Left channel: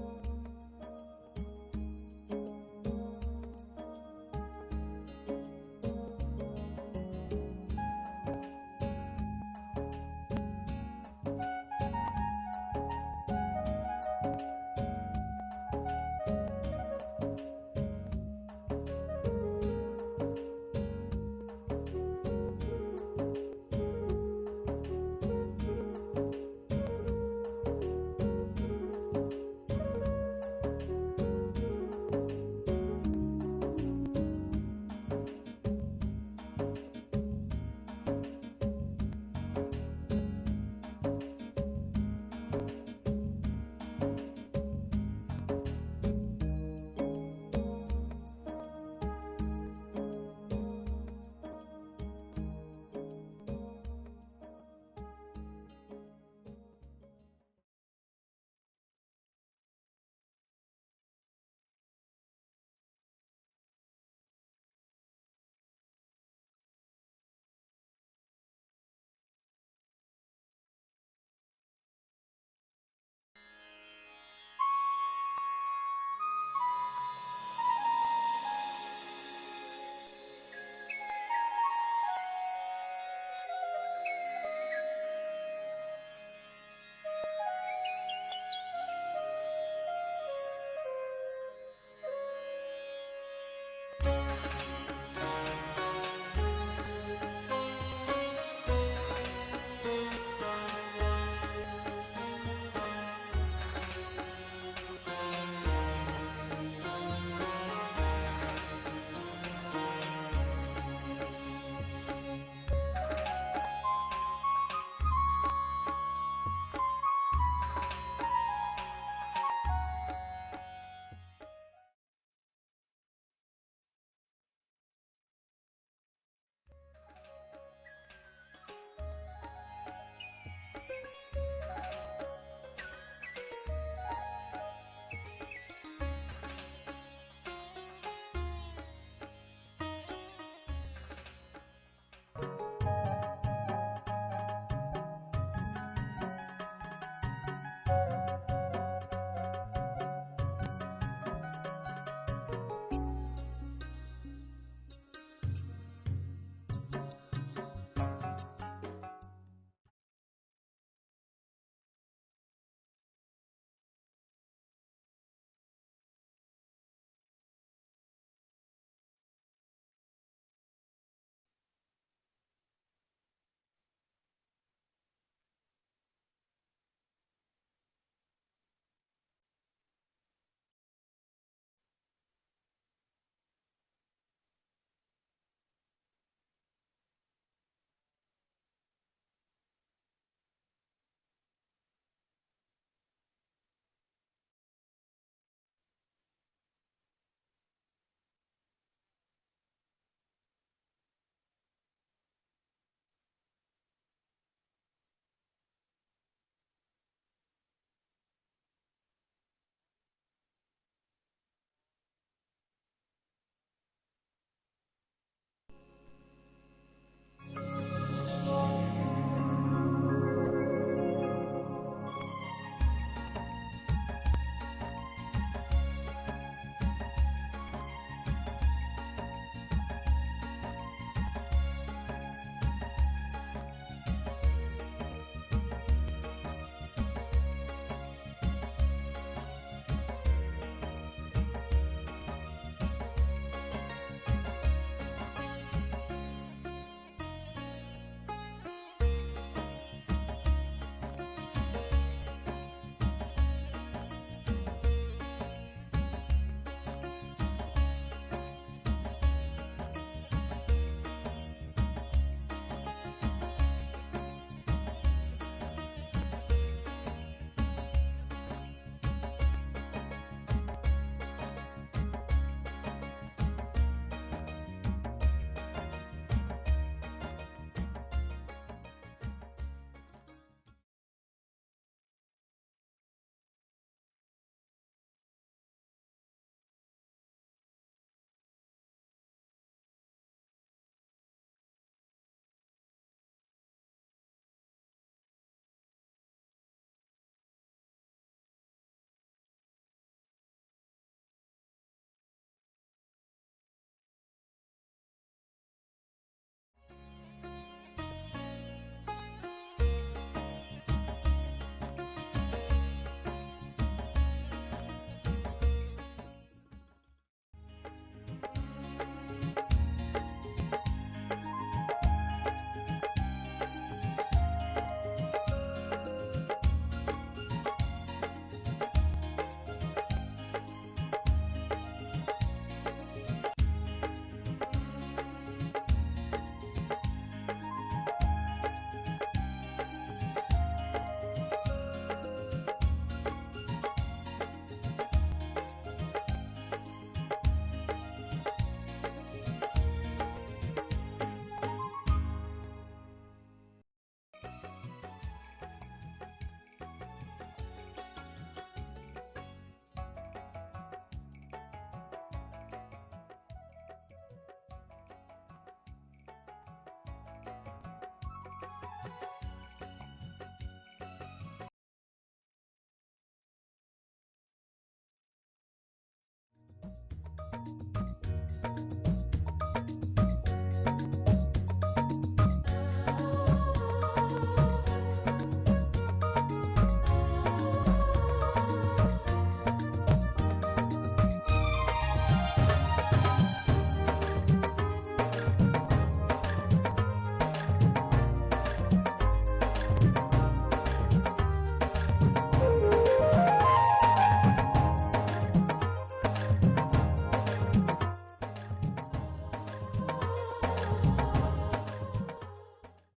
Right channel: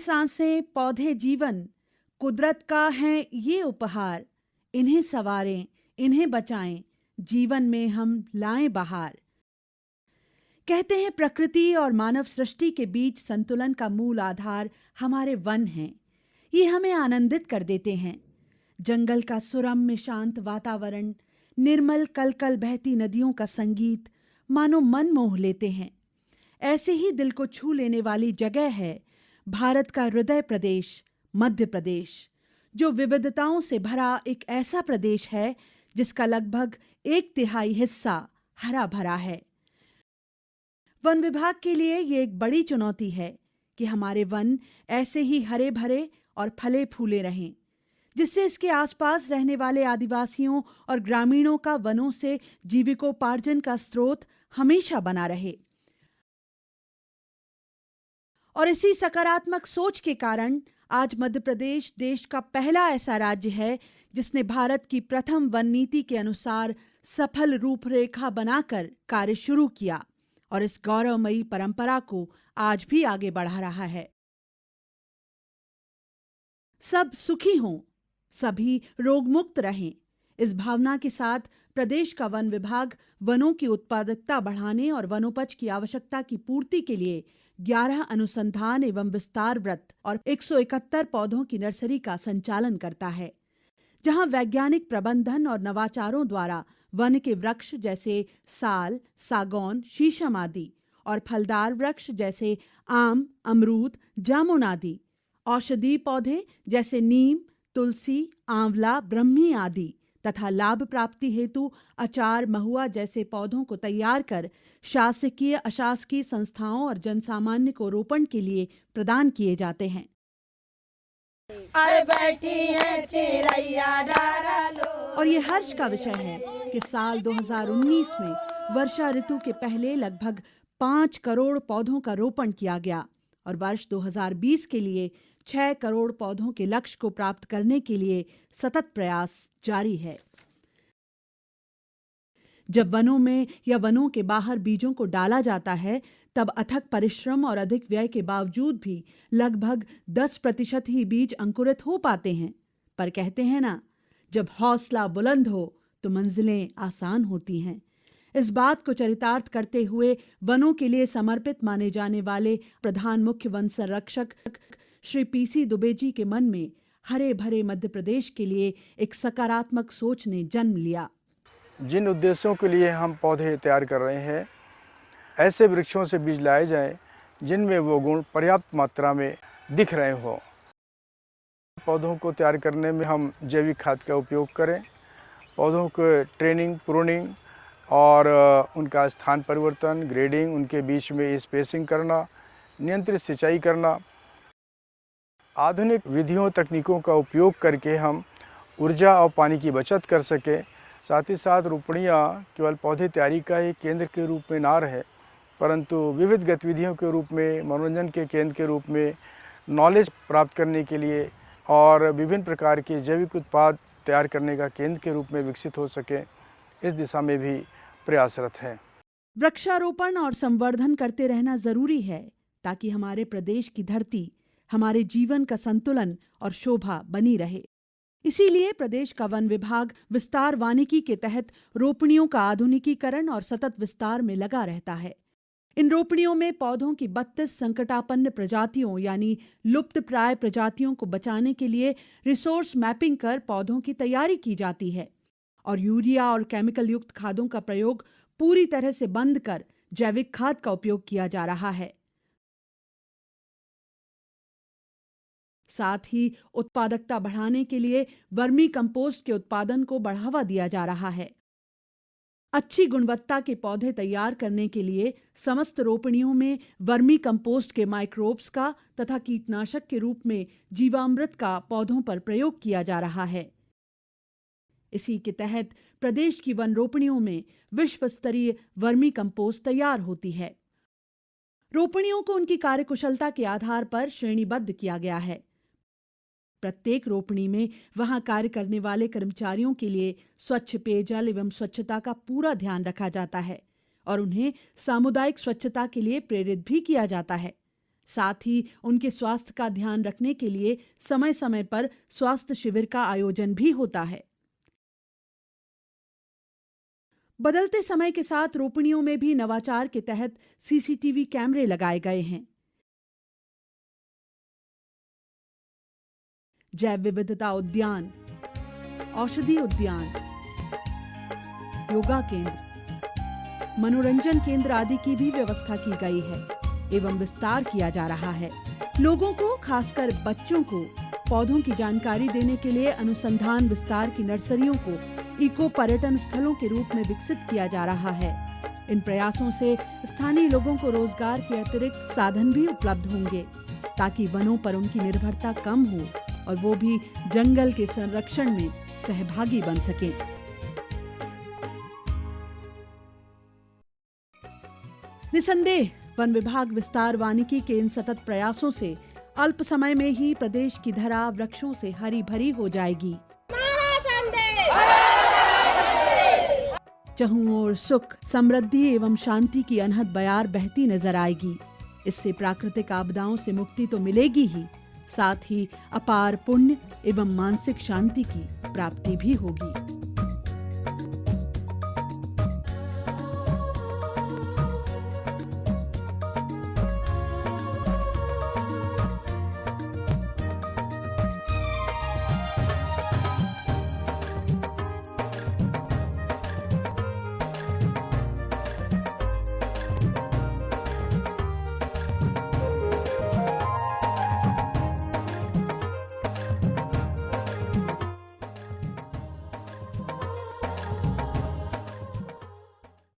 सांसें, पौधे जीवन, कुदरत का है ये उपहार। इन्हें संवारें, इन्हें बचाएं, जीवन में हम लाएं बहार। कहते हैं प्रकृति और मानव सृष्टि के बीच संतुलन का मूल आधार हमारे वन हैं। ये हमें आनंदित कर देते हैं। जंगल का सुरम्य शांत वातावरण, निर्मल कल कल बहती नदियों का संगीत मानो मन मोह लेते हैं। ऐसे ही दिल को छू लेने वाली जगह है भारत का हृदय प्रदेश मध्य प्रदेश, जो विविधताओं से भरा एक ऐसा प्रदेश है जिसका लगभग 1/3 हिस्सा हरा भरा है। वन विभाग के लिए ये एक बड़ी चुनौती है कि हमारे वन ऐसे ही हरे भरे और फले फूले रहें, जिससे इसके आसपास रहने वाले आदिवासियों और ग्रामीणों का वनों से जीविकोपार्जन का स्रोत हमेशा बना रहे। और इसी सकारात्मक सोच के कारण आज मध्य प्रदेश देश का पहला ऐसा राज्य है जिसने भारत की प्रथम वन नीति के अनुसार सफल रूपरेखा बनाकर कार्य शुरू किया और इस गौरवमयी परंपरा को आज भी आगे बढ़ा रहा है। सब सुखी हों, सभी रोग मुक्त रहें, इस भावना के साथ प्रदेश का वन विभाग वनों की उत्पादकता बढ़ाने और वनोपज की आवश्यकता की पूर्ति के लिए 11 अनुसंधान एवं विस्तार वृत्त और 171 पौधों की नर्सरी का संचालन करता है, जहां वैज्ञानिक प्रबंधन और नवाचारों द्वारा वन के वृक्ष जैसे साल, सागौन, शीशम आदि और फलदार वृक्ष जैसे आम, अमरूद, जामुन आदि, औषधीय पौधे जैसे नीम, तुलसी, आंवला, ब्रह्मी आदि तथा लाभ प्राप्ति हेतु अचार, महुआ जैसे पौधों को तैयार कर शासकीय, अशासकीय संस्थाओं और जनसामान्य को रोपण के लिए प्रदान किए जाते हैं। अरे बैठी है चिरैया डारा लो। और ये हर्ष का विषय है कि साल 2019 में वर्षा ऋतु के पहले लगभग 5 करोड़ पौधों का रोपण किया गया और वर्ष 2020 के लिए 6 करोड़ पौधों के लक्ष्य को प्राप्त करने के लिए सतत प्रयास जारी है। जब वनों में या वनों के बाहर बीजों को डाला जाता है, तब अथक परिश्रम और अधिक व्यय के बावजूद भी लगभग 10% ही बीज अंकुरित हो पाते हैं। पर कहते हैं ना, जब हौसला बुलंद हो तो मंजिलें आसान होती हैं। इस बात को चरितार्थ करते हुए वनों के लिए समर्पित माने जाने वाले प्रधान मुख्य वन संरक्षक श्री PC दुबे जी के मन में हरे भरे मध्य प्रदेश के लिए एक सकारात्मक सोच ने जन्म लिया। जिन उद्देश्यों के लिए हम पौधे तैयार कर रहे हैं, ऐसे वृक्षों से बीज लाए जाएं जिनमें वो गुण पर्याप्त मात्रा में दिख रहे हों। पौधों को तैयार करने में हम जैविक खाद का उपयोग करें, पौधों को ट्रेनिंग, प्रूनिंग और उनका स्थान परिवर्तन, ग्रेडिंग, उनके बीच में स्पेसिंग करना, नियंत्रित सिंचाई करना, आधुनिक विधियों तकनीकों का उपयोग करके हम ऊर्जा और पानी की बचत कर सकें। साथ ही साथ रोपणियाँ केवल पौधे तैयारी का ही केंद्र के रूप में ना रहे, परंतु विविध गतिविधियों के रूप में, मनोरंजन के केंद्र के रूप में, नॉलेज प्राप्त करने के लिए और विभिन्न प्रकार के जैविक उत्पाद तैयार करने का केंद्र के रूप में विकसित हो सके, इस दिशा में भी प्रयासरत है। वृक्षारोपण और संवर्धन करते रहना जरूरी है ताकि हमारे प्रदेश की धरती, हमारे जीवन का संतुलन और शोभा बनी रहे। इसीलिए प्रदेश का वन विभाग विस्तार वानिकी के तहत रोपणियों का आधुनिकीकरण और सतत विस्तार में लगा रहता है। इन रोपणियों में पौधों की 32 संकटापन्न प्रजातियों यानी लुप्त प्राय प्रजातियों को बचाने के लिए रिसोर्स मैपिंग कर पौधों की तैयारी की जाती है और यूरिया और केमिकल युक्त खादों का प्रयोग पूरी तरह से बंद कर जैविक खाद का उपयोग किया जा रहा है। साथ ही उत्पादकता बढ़ाने के लिए वर्मी कंपोस्ट के उत्पादन को बढ़ावा दिया जा रहा है। अच्छी गुणवत्ता के पौधे तैयार करने के लिए समस्त रोपणियों में वर्मी कंपोस्ट के माइक्रोब्स का तथा कीटनाशक के रूप में जीवामृत का पौधों पर प्रयोग किया जा रहा है। इसी के तहत प्रदेश की वन रोपणियों में विश्व स्तरीय वर्मी कंपोस्ट तैयार होती है। रोपणियों को उनकी कार्यकुशलता के आधार पर श्रेणीबद्ध किया गया है। प्रत्येक रोपणी में वहां कार्य करने वाले कर्मचारियों के लिए स्वच्छ पेयजल एवं स्वच्छता का पूरा ध्यान रखा जाता है और उन्हें सामुदायिक स्वच्छता के लिए प्रेरित भी किया जाता है। साथ ही उनके स्वास्थ्य का ध्यान रखने के लिए समय समय पर स्वास्थ्य शिविर का आयोजन भी होता है। बदलते समय के साथ रोपणियों में भी नवाचार के तहत सीसीटीवी कैमरे लगाए गए हैं। जैव विविधता उद्यान, औषधि उद्यान, योगा केंद्र, मनोरंजन केंद्र आदि की भी व्यवस्था की गई है एवं विस्तार किया जा रहा है। लोगों को, खासकर बच्चों को पौधों की जानकारी देने के लिए अनुसंधान विस्तार की नर्सरियों को इको पर्यटन स्थलों के रूप में विकसित किया जा रहा है। इन प्रयासों से स्थानीय लोगों को रोजगार के अतिरिक्त साधन भी उपलब्ध होंगे ताकि वनों पर उनकी निर्भरता कम हो और वो भी जंगल के संरक्षण में सहभागी बन सके। निसंदेह वन विभाग विस्तार वानिकी के इन सतत प्रयासों से अल्प समय में ही प्रदेश की धरा वृक्षों से हरी भरी हो जाएगी। चहुं ओर सुख, समृद्धि एवं शांति की अनहद बयार बहती नजर आएगी। इससे प्राकृतिक आपदाओं से मुक्ति तो मिलेगी ही, साथ ही अपार पुण्य एवं मानसिक शांति की प्राप्ति भी होगी।